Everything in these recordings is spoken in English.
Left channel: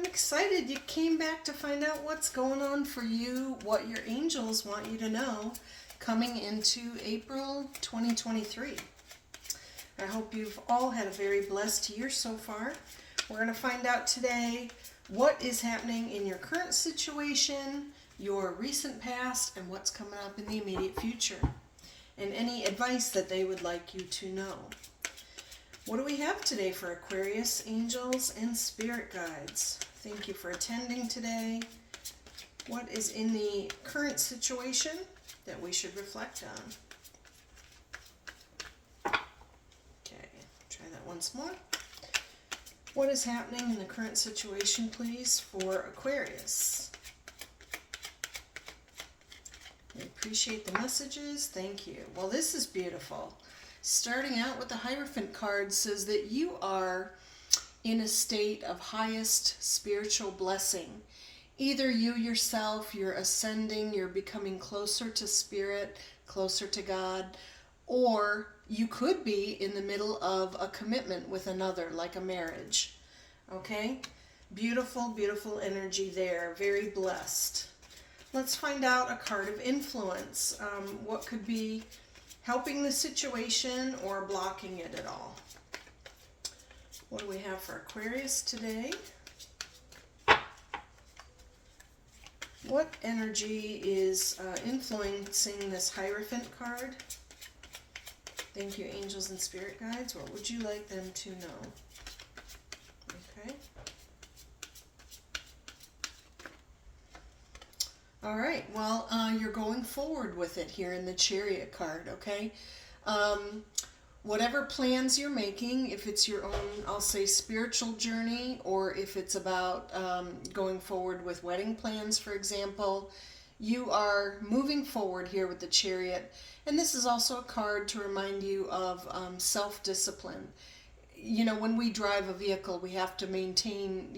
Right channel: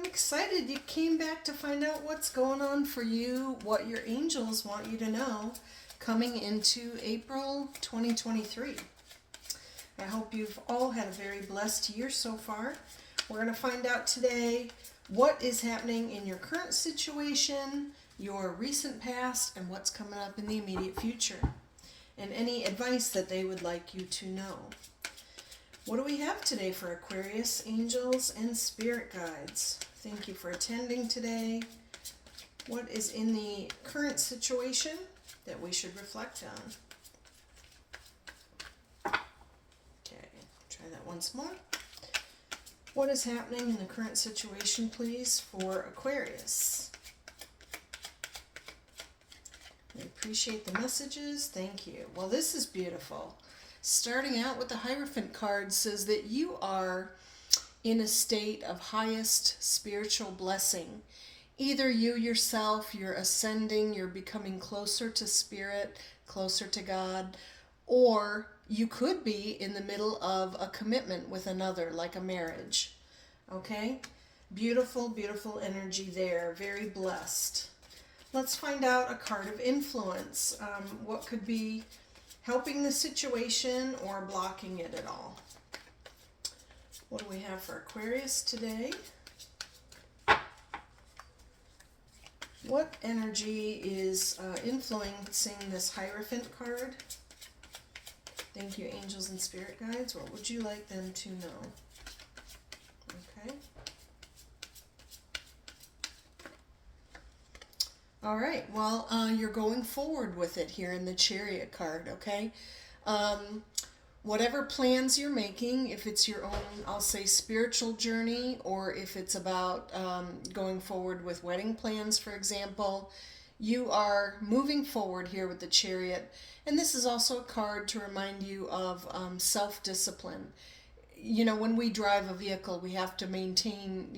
I'm excited you came back to find out what's going on for you, what your angels want you to know coming into April 2023. I hope you've all had a very blessed year so far. We're going to find out today what is happening in your current situation, your recent past, and what's coming up in the immediate future, and any advice that they would like you to know. What do we have today for Aquarius, angels, and spirit guides? Thank you for attending today. What is in the current situation that we should reflect on? Okay, try that once more. What is happening in the current situation, please, for Aquarius? I appreciate the messages. Thank you. Well, this is beautiful. Starting out with the Hierophant card says that you are in a state of highest spiritual blessing. Either you yourself, you're ascending, you're becoming closer to spirit, closer to God, or you could be in the middle of a commitment with another, like a marriage. Okay? Beautiful, beautiful energy there. Very blessed. Let's find out a card of influence. What could be helping the situation or blocking it at all? What do we have for Aquarius today? What energy is influencing this Hierophant card? Thank you, angels and spirit guides. What would you like them to know? Okay. All right. Well, you're going forward with it here in the Chariot card, okay? Whatever plans you're making, if it's your own, I'll say, spiritual journey, or if it's about going forward with wedding plans, for example, you are moving forward here with the Chariot. And this is also a card to remind you of self-discipline. You know, when we drive a vehicle, we have to maintain,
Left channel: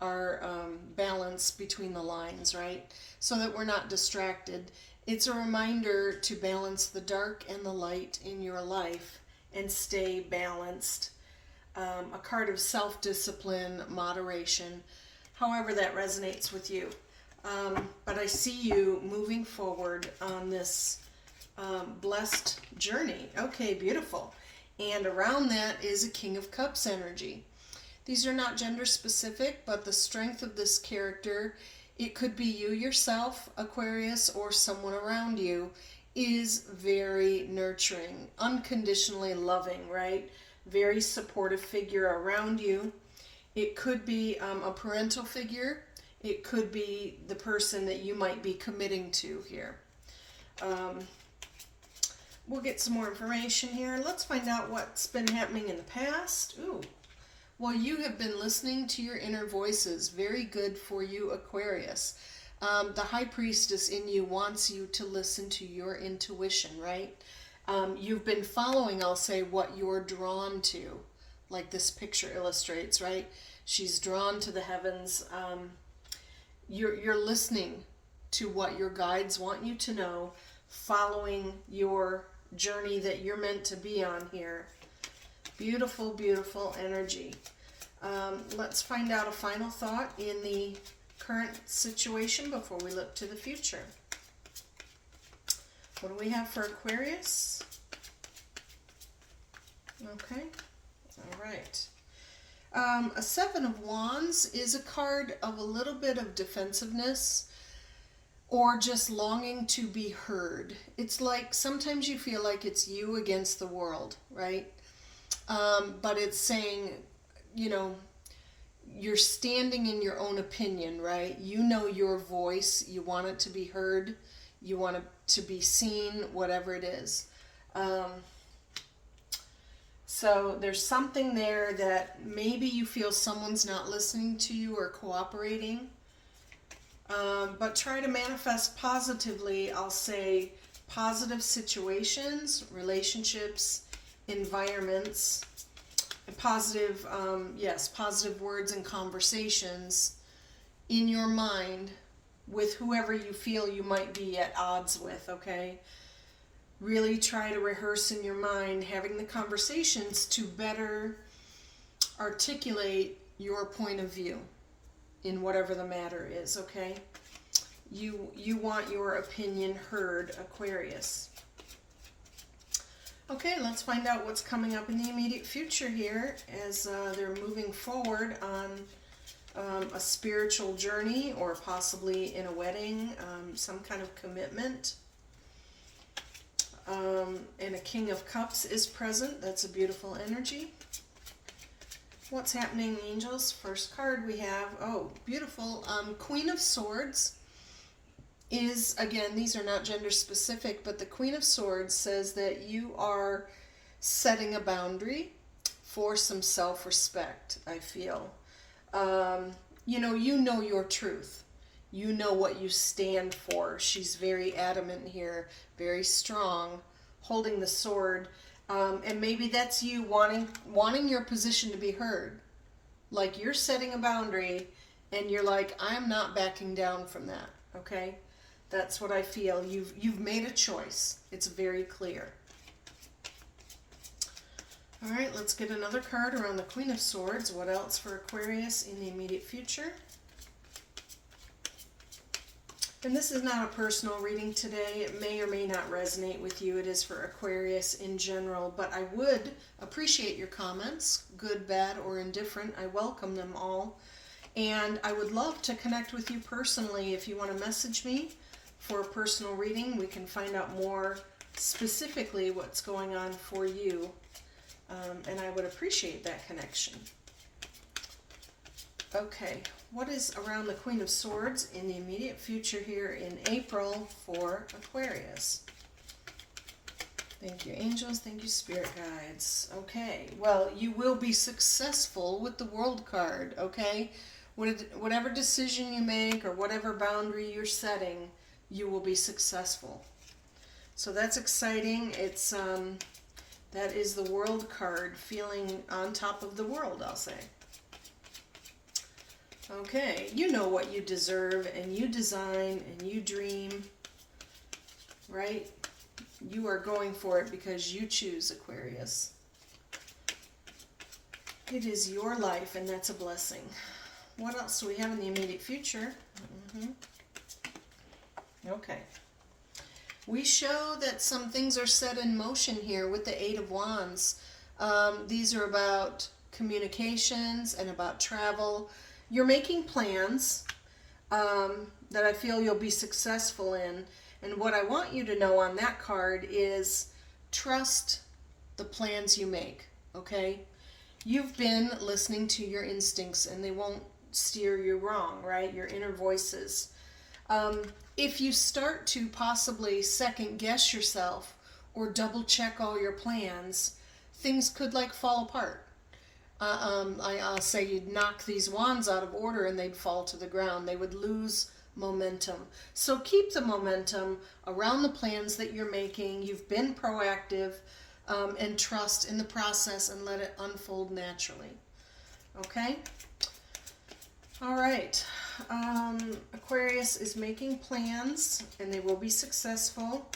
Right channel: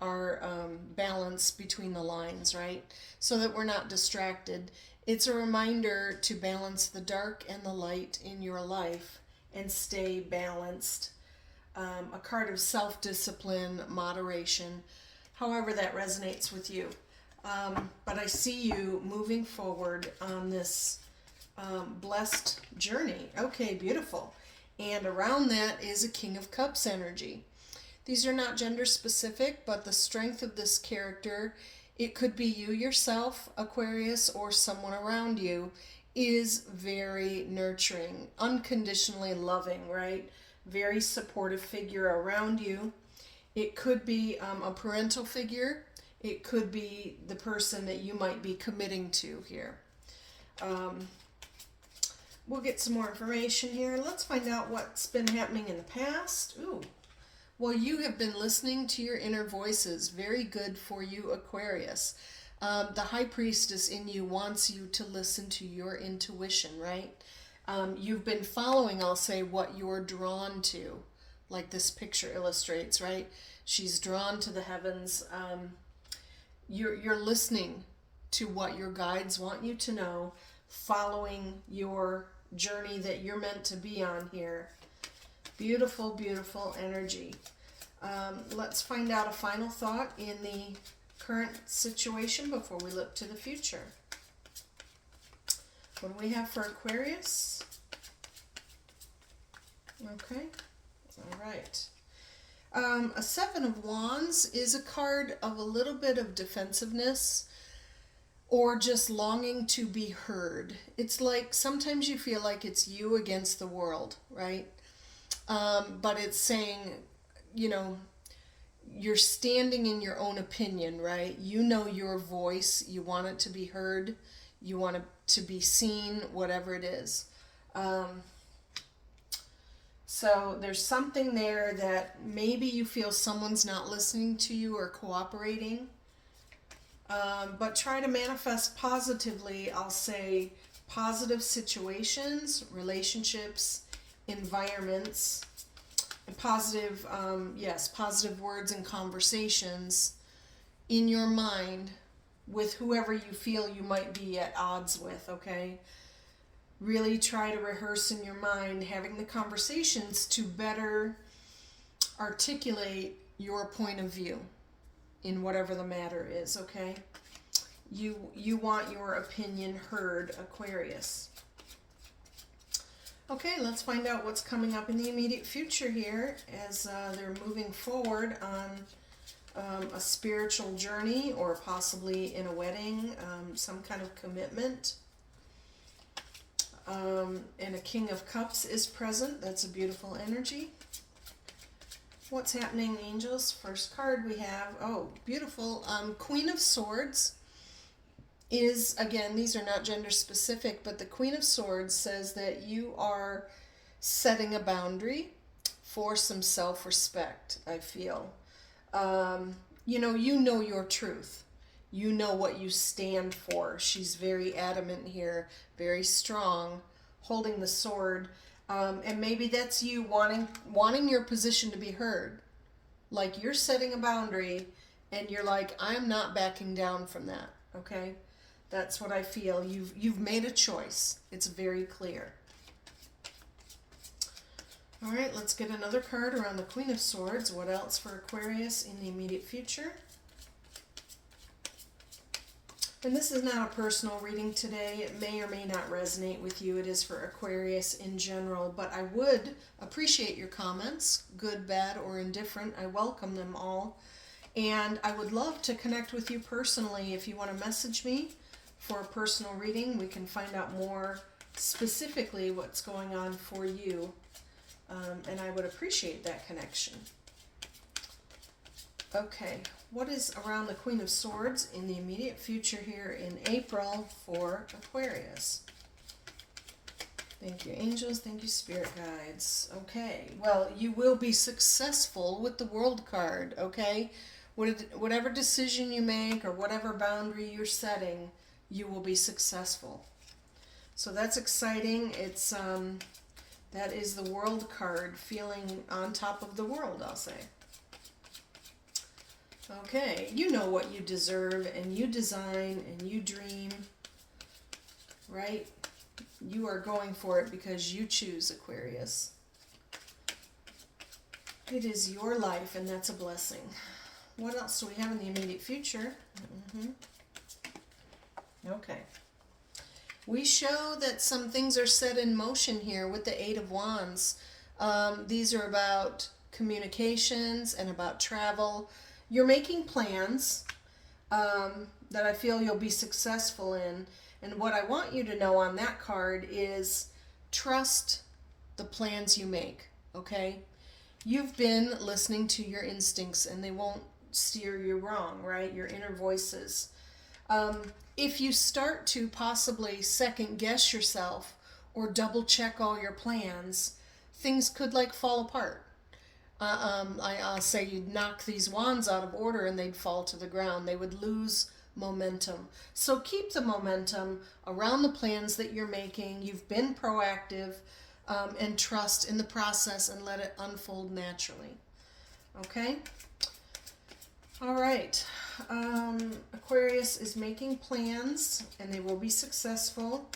our balance between the lines, right? So that we're not distracted. It's a reminder to balance the dark and the light in your life and stay balanced. A card of self-discipline, moderation, however that resonates with you. But I see you moving forward on this blessed journey. Okay, beautiful. And around that is a King of Cups energy. These are not gender specific, but the strength of this character, it could be you yourself, Aquarius, or someone around you, is very nurturing, unconditionally loving, right? Very supportive figure around you. It could be a parental figure. It could be the person that you might be committing to here. We'll get some more information here. Let's find out what's been happening in the past. Ooh. Well, you have been listening to your inner voices. Very good for you, Aquarius. The High Priestess in you wants you to listen to your intuition, right? You've been following, I'll say, what you're drawn to, like this picture illustrates, right? She's drawn to the heavens. You're listening to what your guides want you to know, following your journey that you're meant to be on here. Beautiful, beautiful energy. Let's find out a final thought in the current situation before we look to the future. What do we have for Aquarius? Okay, all right. A Seven of Wands is a card of a little bit of defensiveness or just longing to be heard. It's like sometimes you feel like it's you against the world, right? But it's saying, you're standing in your own opinion, right? You know your voice. You want it to be heard. You want it to be seen, whatever it is. So there's something there that maybe you feel someone's not listening to you or cooperating. But try to manifest positively, I'll say, positive situations, relationships, environments, positive, positive words and conversations in your mind with whoever you feel you might be at odds with, okay? Really try to rehearse in your mind having the conversations to better articulate your point of view, in whatever the matter is, okay? You want your opinion heard, Aquarius. Okay, let's find out what's coming up in the immediate future here as they're moving forward on a spiritual journey, or possibly in a wedding, some kind of commitment. And a King of Cups is present. That's a beautiful energy. What's happening, angels? First card we have, oh, beautiful, Queen of Swords is, again, these are not gender specific, but the Queen of Swords says that you are setting a boundary for some self-respect, I feel. You know your truth. You know what you stand for. She's very adamant here, very strong, holding the sword. And maybe that's you wanting your position to be heard. Like you're setting a boundary and you're like, I'm not backing down from that, okay? That's what I feel. You've made a choice. It's very clear. All right, let's get another card around the Queen of Swords. What else for Aquarius in the immediate future? And this is not a personal reading today. It may or may not resonate with you. It is for Aquarius in general, but I would appreciate your comments, good, bad, or indifferent. I welcome them all. And I would love to connect with you personally. If you want to message me for a personal reading, we can find out more specifically what's going on for you. And I would appreciate that connection. Okay, what is around the Queen of Swords in the immediate future here in April for Aquarius? Thank you, angels. Thank you, spirit guides. Okay, well, you will be successful with the World card, okay? Whatever decision you make or whatever boundary you're setting, you will be successful. So that's exciting. It's that is the World card, feeling on top of the world, I'll say. Okay, you know what you deserve, and you design, and you dream, right? You are going for it because you choose, Aquarius. It is your life, and that's a blessing. What else do we have in the immediate future? Okay. We show that some things are set in motion here with the Eight of Wands. These are about communications and about travel. You're making plans that I feel you'll be successful in. And what I want you to know on that card is trust the plans you make, okay? You've been listening to your instincts and they won't steer you wrong, right? Your inner voices. If you start to possibly second guess yourself or double check all your plans, things could like fall apart. I'll say you'd knock these wands out of order and they'd fall to the ground. They would lose momentum. So keep the momentum around the plans that you're making. You've been proactive, and trust in the process and let it unfold naturally. Okay? All right. Aquarius is making plans and they will be successful.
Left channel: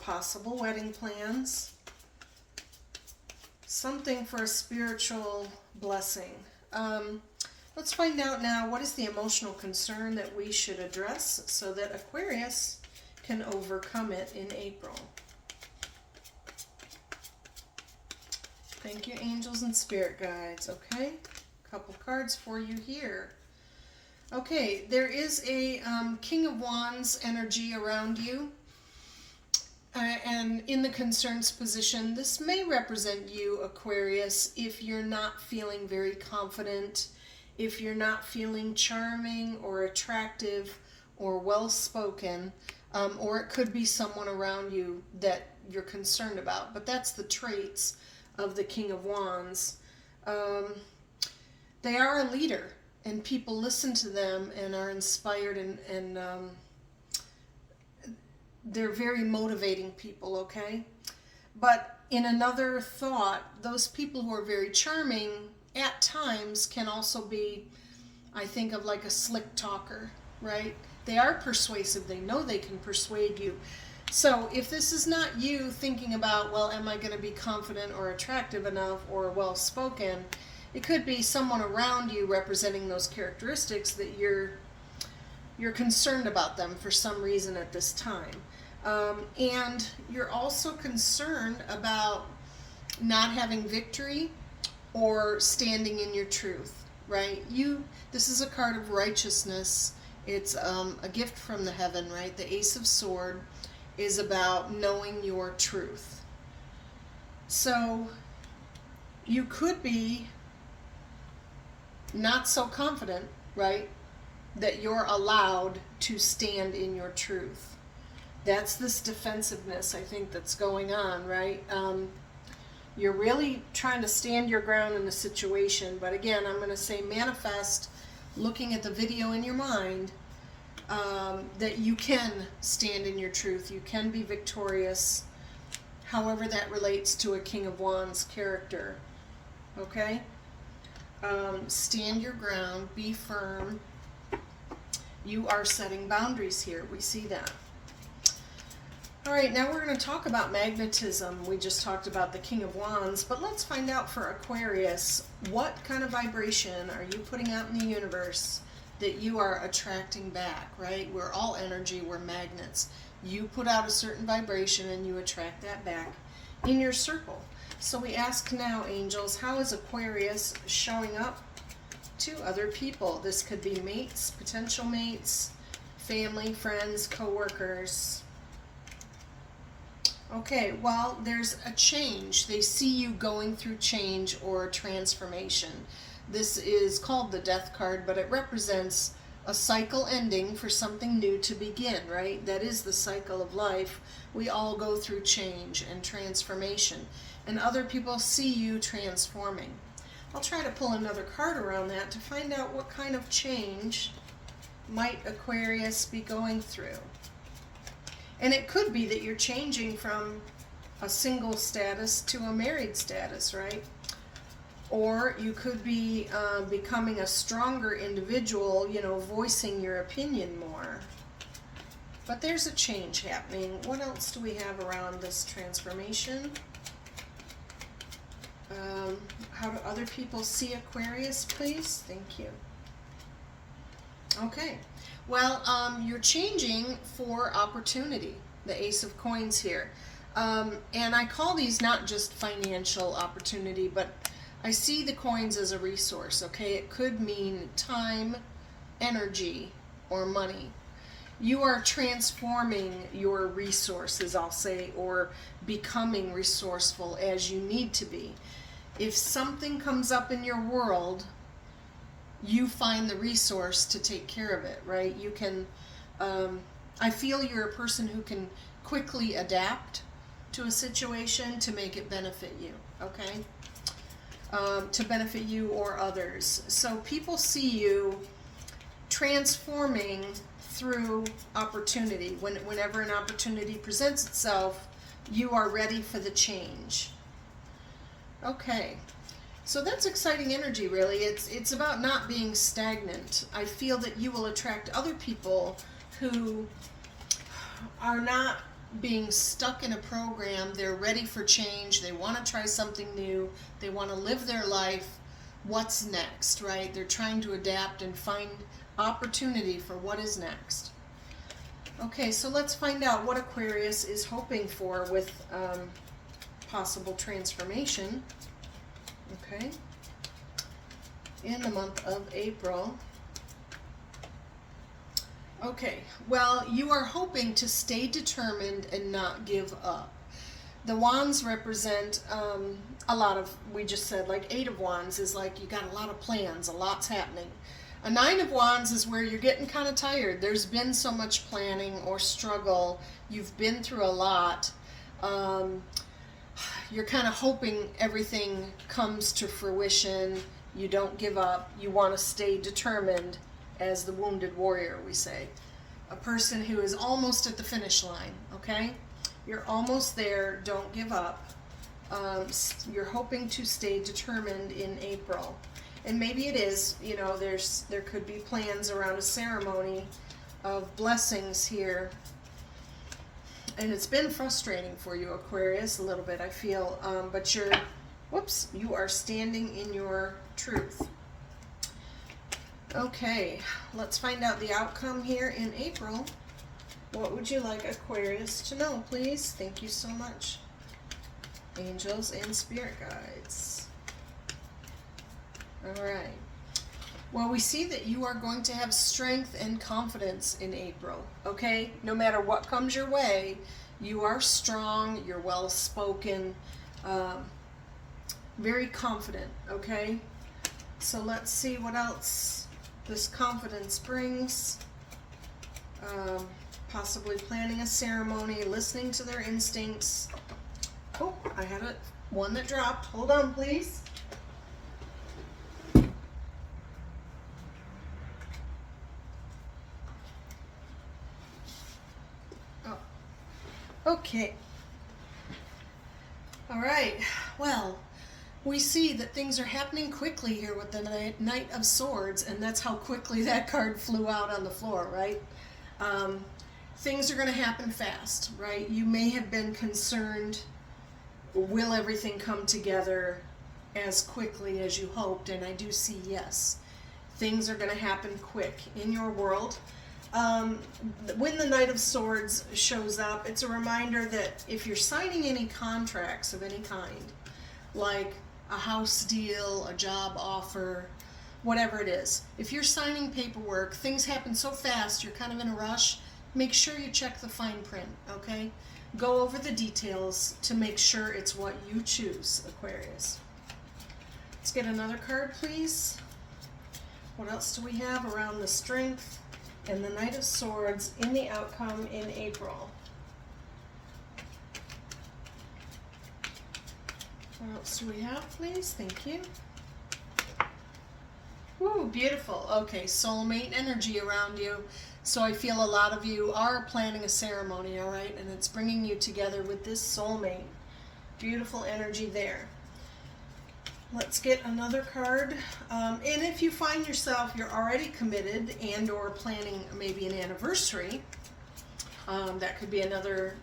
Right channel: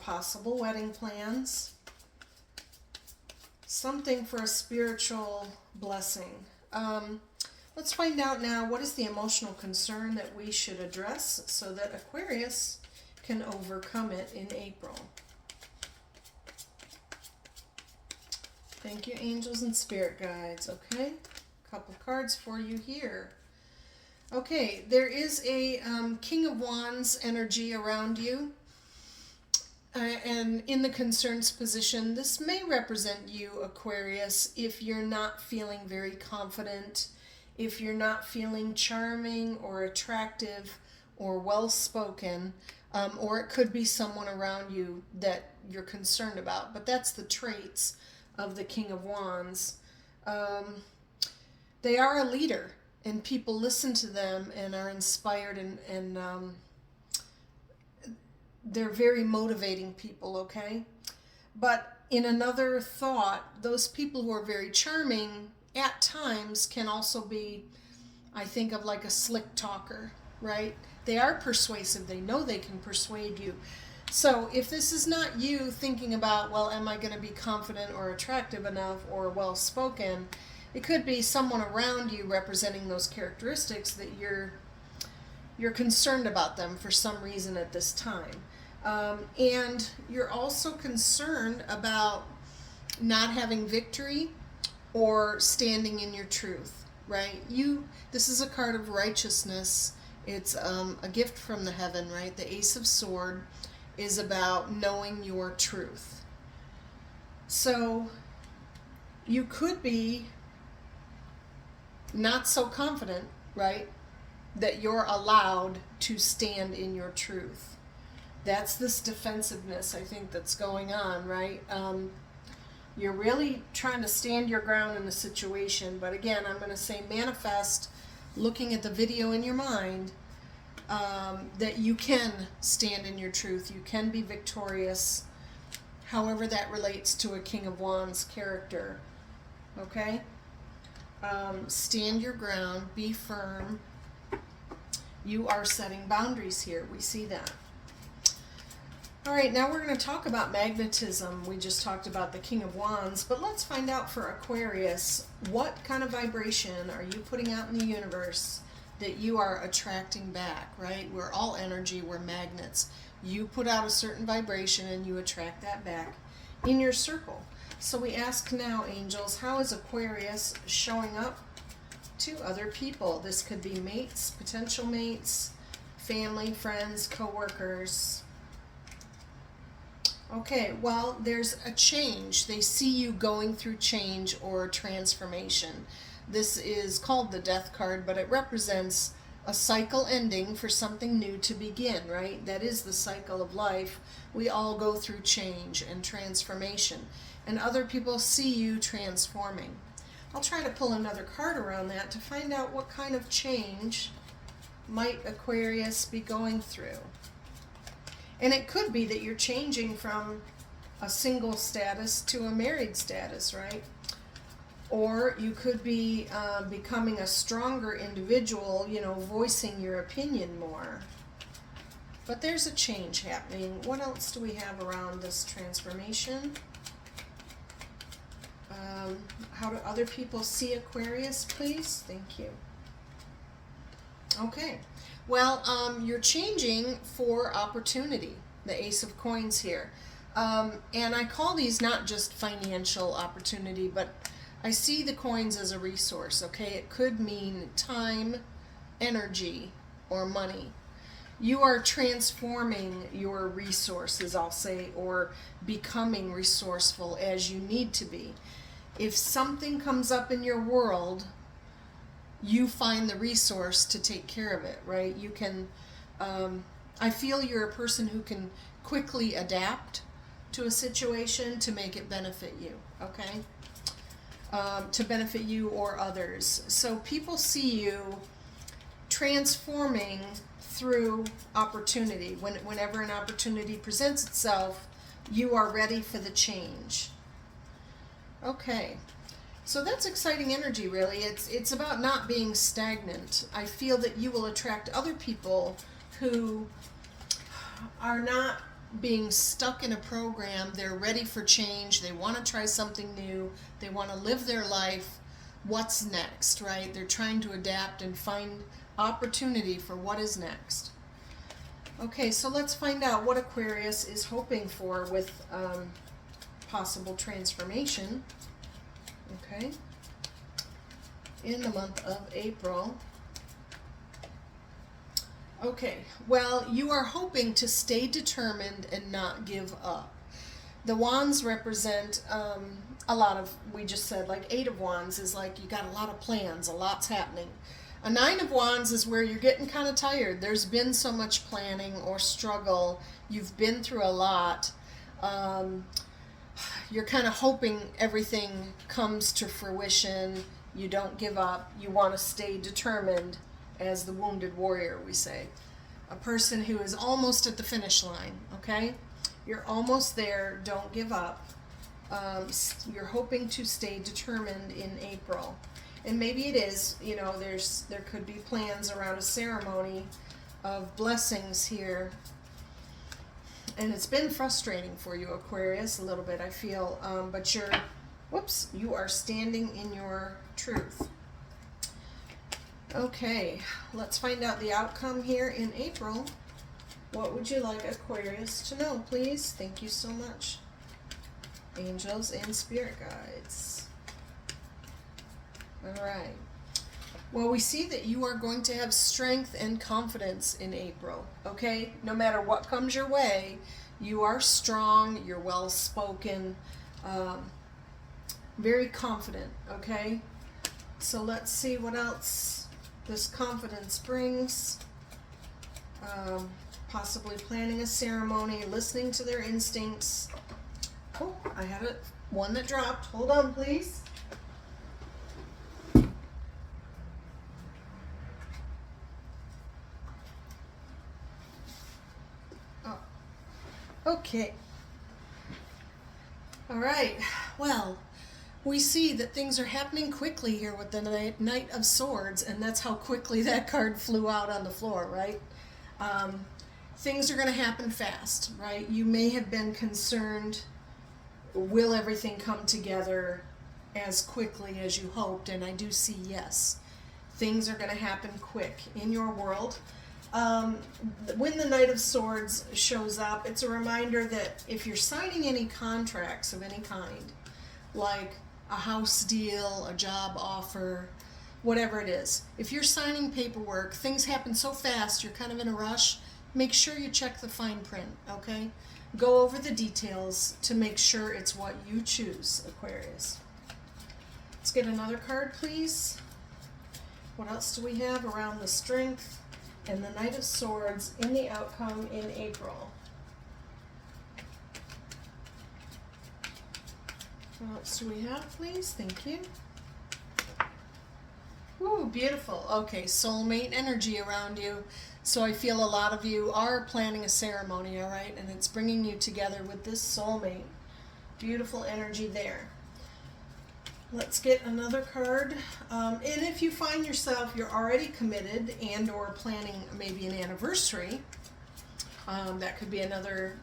Possible wedding plans. Something for a spiritual blessing. Let's find out now, what is the emotional concern that we should address so that Aquarius can overcome it in April. Thank you, angels and spirit guides. Okay, a couple cards for you here. Okay, there is a King of Wands energy around you. And in the concerns position, this may represent you, Aquarius, if you're not feeling very confident, if you're not feeling charming or attractive or well-spoken, or it could be someone around you that you're concerned about. But that's the traits of the King of Wands. They are a leader, and people listen to them and are inspired, and they're very motivating people, okay? But in another thought, those people who are very charming at times can also be, I think of like a slick talker, right? They are persuasive. They know they can persuade you. So if this is not you thinking about, well, am I going to be confident or attractive enough or well-spoken, it could be someone around you representing those characteristics that you're concerned about them for some reason at this time. And you're also concerned about not having victory or standing in your truth, right? This is a card of righteousness. It's a gift from the heaven, right? The Ace of Sword is about knowing your truth. So you could be not so confident, right, that you're allowed to stand in your truth. That's this defensiveness, I think, that's going on, right? You're really trying to stand your ground in the situation, but again, I'm going to say manifest, looking at the video in your mind, that you can stand in your truth. You can be victorious, however that relates to a King of Wands character. Okay? Stand your ground, be firm. You are setting boundaries here. We see that. All right, now we're going to talk about magnetism. We just talked about the King of Wands, but let's find out for Aquarius, what kind of vibration are you putting out in the universe that you are attracting back, right? We're all energy, we're magnets. You put out a certain vibration and you attract that back in your circle. So we ask now, angels, how is Aquarius showing up to other people? This could be mates, potential mates, family, friends, co-workers. Okay, well, there's a change. They see you going through change or transformation. This is called the Death card, but it represents a cycle ending for something new to begin, right? That is the cycle of life. We all go through change and transformation, and other people see you transforming. I'll try to pull another card around that to find out what kind of change might Aquarius be going through. And it could be that you're changing from a single status to a married status, right? Or you could be becoming a stronger individual, voicing your opinion more. But there's a change happening. What else do we have around this transformation? How do other people see Aquarius, please? Thank you. Okay. Well, you're changing for opportunity, the Ace of Coins here. And I call these not just financial opportunity, but I see the coins as a resource, okay? It could mean time, energy, or money. You are transforming your resources, I'll say, or becoming resourceful as you need to be. If something comes up in your world, you find the resource to take care of it, right? You can, I feel you're a person who can quickly adapt to a situation to make it benefit you, okay? To benefit you or others. So people see you transforming through opportunity. Whenever an opportunity presents itself, you are ready for the change. Okay. So that's exciting energy, really. It's about not being stagnant. I feel that you will attract other people who are not being stuck in a program. They're ready for change. They want to try something new. They want to live their life. What's next, right? They're trying to adapt and find opportunity for what is next. Okay, so let's find out what Aquarius is hoping for with possible transformation. Okay, in the month of April. Okay, well, you are hoping to stay determined and not give up. The wands represent a lot of, we just said, like 8 of wands is like you got a lot of plans, a lot's happening. A 9 of wands is where you're getting kind of tired. There's been so much planning or struggle. You've been through a lot. You're kind of hoping everything comes to fruition. You don't give up. You want to stay determined, as the wounded warrior, we say. A person who is almost at the finish line, okay? You're almost there. Don't give up. You're hoping to stay determined in April. And maybe it is, there could be plans around a ceremony of blessings here. And it's been frustrating for you, Aquarius, a little bit, I feel. But Whoops, you are standing in your truth. Okay, let's find out the outcome here in April. What would you like Aquarius to know, please? Thank you so much. Angels and spirit guides. All right. Well, we see that you are going to have strength and confidence in April, okay? No matter what comes your way, you are strong, you're well-spoken, very confident, okay? So let's see what else this confidence brings. Possibly planning a ceremony, listening to their instincts. Oh, I had one that dropped. Hold on, please. Oh, okay. All right. Well, we see that things are happening quickly here with the Knight of Swords, and that's how quickly that card flew out on the floor, right? Things are going to happen fast, right? You may have been concerned, will everything come together as quickly as you hoped? And I do see yes. Things are going to happen quick in your world. When the Knight of Swords shows up, it's a reminder that if you're signing any contracts of any kind, like a house deal, a job offer, whatever it is, if you're signing paperwork, things happen so fast, you're kind of in a rush, make sure you check the fine print, okay? Go over the details to make sure it's what you choose, Aquarius. Let's get another card, please. What else do we have around the strength and the Knight of Swords in the outcome in April? What else do we have, please? Thank you. Ooh, beautiful. Okay, soulmate energy around you. So I feel a lot of you are planning a ceremony, all right? And it's bringing you together with this soulmate. Beautiful energy there. Let's get another card. And if you find yourself, you're already committed and or planning maybe an anniversary, that could be another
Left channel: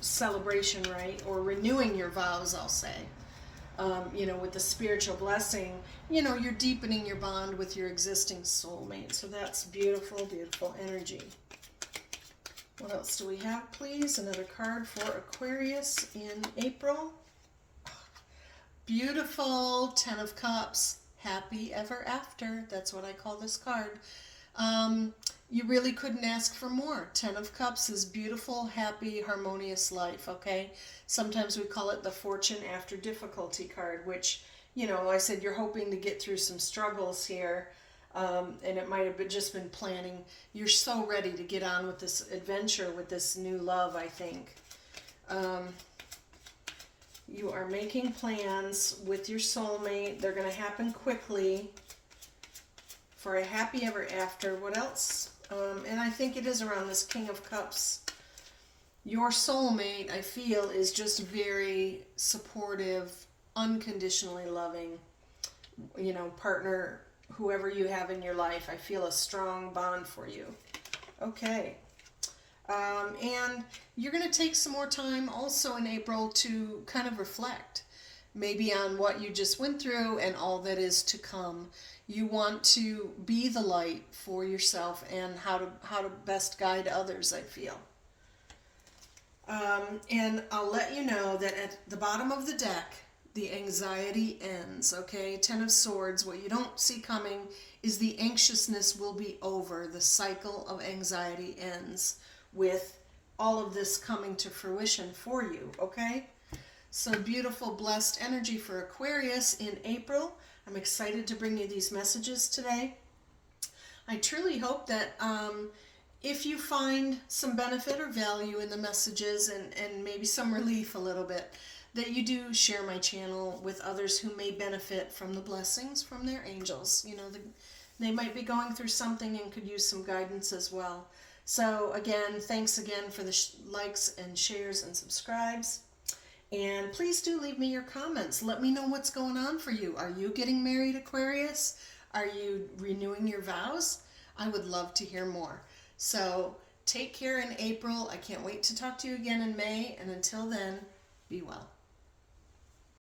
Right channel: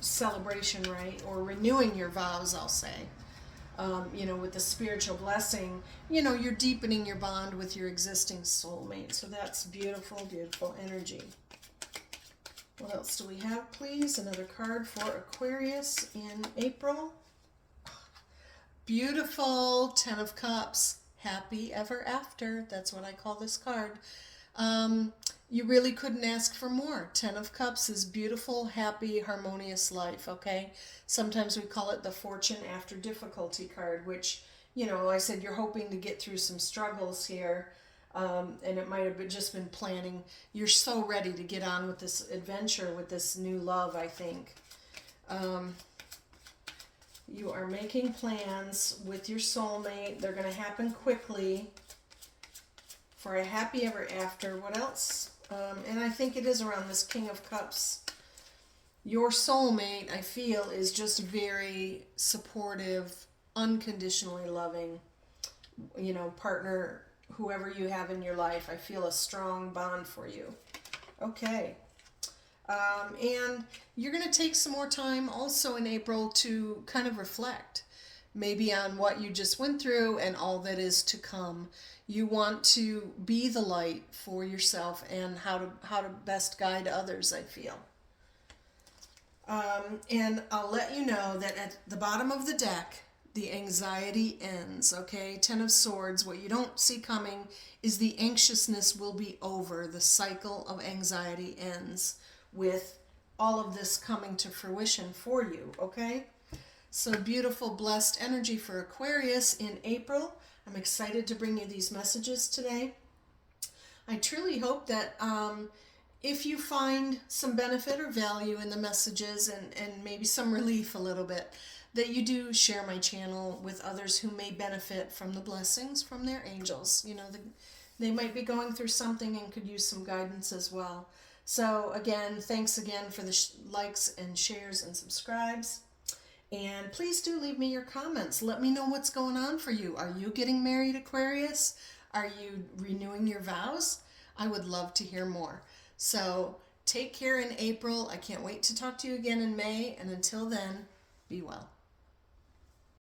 celebration, right? Or renewing your vows, I'll say. You know, with the spiritual blessing, you know, you're deepening your bond with your existing soulmate. So that's beautiful, beautiful energy. What else do we have, please? Another card for Aquarius in April. Beautiful, 10 of Cups, happy ever after. That's what I call this card. You really couldn't ask for more. 10 of Cups is beautiful, happy, harmonious life, okay? Sometimes we call it the fortune after difficulty card, which, you know, I said you're hoping to get through some struggles here, and it might have just been planning. You're so ready to get on with this adventure, with this new love, I think. You are making plans with your soulmate. They're going to happen quickly for a happy ever after. What else? And I think it is around this King of Cups. Your soulmate, I feel, is just very supportive, unconditionally loving, you know, partner, whoever you have in your life. I feel a strong bond for you. Okay. And you're going to take some more time also in April to kind of reflect, maybe on what you just went through and all that is to come. You want to be the light for yourself and how to best guide others, I feel. And I'll let you know that at the bottom of the deck, the anxiety ends, okay? 10 of Swords, what you don't see coming is the anxiousness will be over. The cycle of anxiety ends with all of this coming to fruition for you, okay? So beautiful, blessed energy for Aquarius in April. I'm excited to bring you these messages today. I truly hope that if you find some benefit or value in the messages and maybe some relief a little bit, that you do share my channel with others who may benefit from the blessings from their angels. You know, they might be going through something and could use some guidance as well. So again, thanks again for the likes and shares and subscribes. And please do leave me your comments. Let me know what's going on for you. Are you getting married, Aquarius? Are you renewing your vows? I would love to hear more. So take care in April. I can't wait to talk to you again in May. And until then, be well.